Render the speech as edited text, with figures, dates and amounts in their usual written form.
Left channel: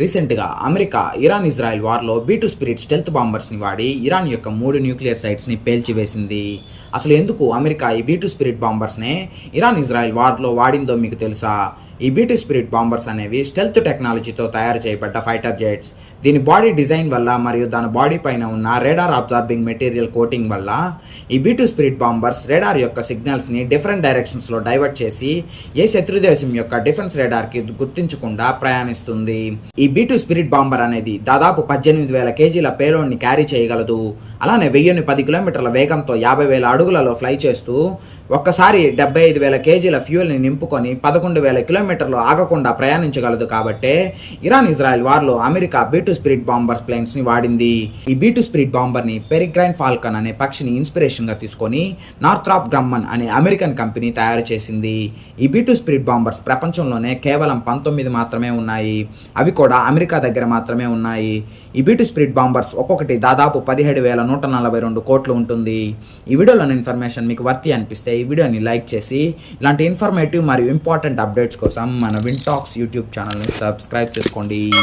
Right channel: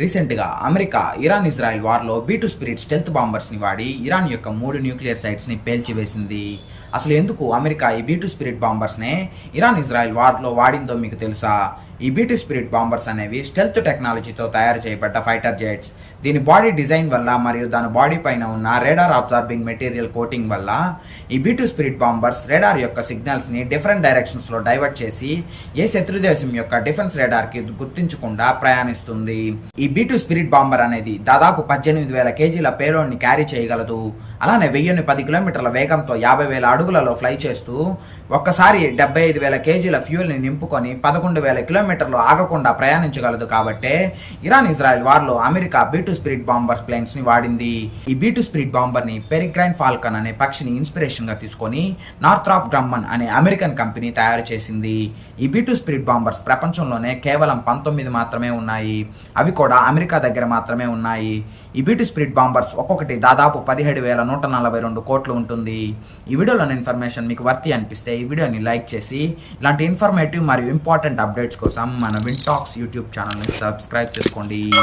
రీసెంట్గా America Iran Israel వార్లో B2 spirit stealth బాంబర్స్ని వాడి ఇరాన్ యొక్క 3 న్యూక్లియర్ సైట్స్ని పేల్చివేసింది. అసలు ఎందుకు అమెరికా ఈ B2 స్పిరిట్ బాంబర్స్నే ఇరాన్-ఇజ్రాయెల్ వార్లో వాడిందో మీకు తెలుసా? ఈ B2 స్పిరిట్ బాంబర్స్ అనేవి స్టెల్త్ టెక్నాలజీతో తయారు చేయబడ్డ ఫైటర్ జెట్స్. దీని బాడీ డిజైన్ వల్ల మరియు దాని బాడీ పైన ఉన్న రేడార్ అబ్జార్బింగ్ మెటీరియల్ కోటింగ్ వల్ల ఈ B2 స్పిరిట్ బాంబర్స్ రేడార్ యొక్క సిగ్నల్స్ని డిఫరెంట్ డైరెక్షన్స్లో డైవర్ట్ చేసి ఏ శత్రుదేశం యొక్క డిఫెన్స్ రేడార్కి గుర్తించకుండా ప్రయాణిస్తుంది. ఈ B2 స్పిరిట్ బాంబర్ అనేది దాదాపు 18,000 కేజీల పేలోడ్ని క్యారీ చేయగలదు. అలానే 1010 కిలోమీటర్ల వేగంతో 50,000 అడుగులలో ఫ్లై చేస్తూ ఒక్కసారి 75,000 కేజీల ఫ్యూయల్ని నింపుకొని 11,000 కిలోమీటర్లు ఆగకుండా ప్రయాణించగలదు. కాబట్టే ఇరాన్-ఇజ్రాయెల్ వార్లో America B2 spirit bomber planes ని వాడింది. ఈ B2 స్పిరిట్ బాంబర్ ని పెరిగ్రైన్ ఫాల్కన్ అనే పక్షిని ఇన్స్పిరేషన్ గా తీసుకొని నార్థ్రాప్ గ్రమ్మన్ అనే అమెరికన్ కంపెనీ తయారు చేసింది. ఈ B2 స్పిరిట్ బాంబర్స్ ప్రపంచంలోనే కేవలం 19 మాత్రమే ఉన్నాయి. అవి కూడా అమెరికా దగ్గర మాత్రమే ఉన్నాయి. ఈ B2 స్పిరిట్ బాంబర్స్ ఒక్కొక్కటి దాదాపు 17,142 కోట్లు ఉంటుంది. ఈ వీడియోలోని ఇన్ఫర్మేషన్ మీకు వర్తి అనిపిస్తే ఈ వీడియోని లైక్ చేసి ఇలాంటి ఇన్ఫర్మేటివ్ మరియు ఇంపార్టెంట్ అప్డేట్స్ కోసం మన విన్ టాక్స్ యూట్యూబ్ ఛానల్ని సబ్స్క్రైబ్ చేసుకోండి.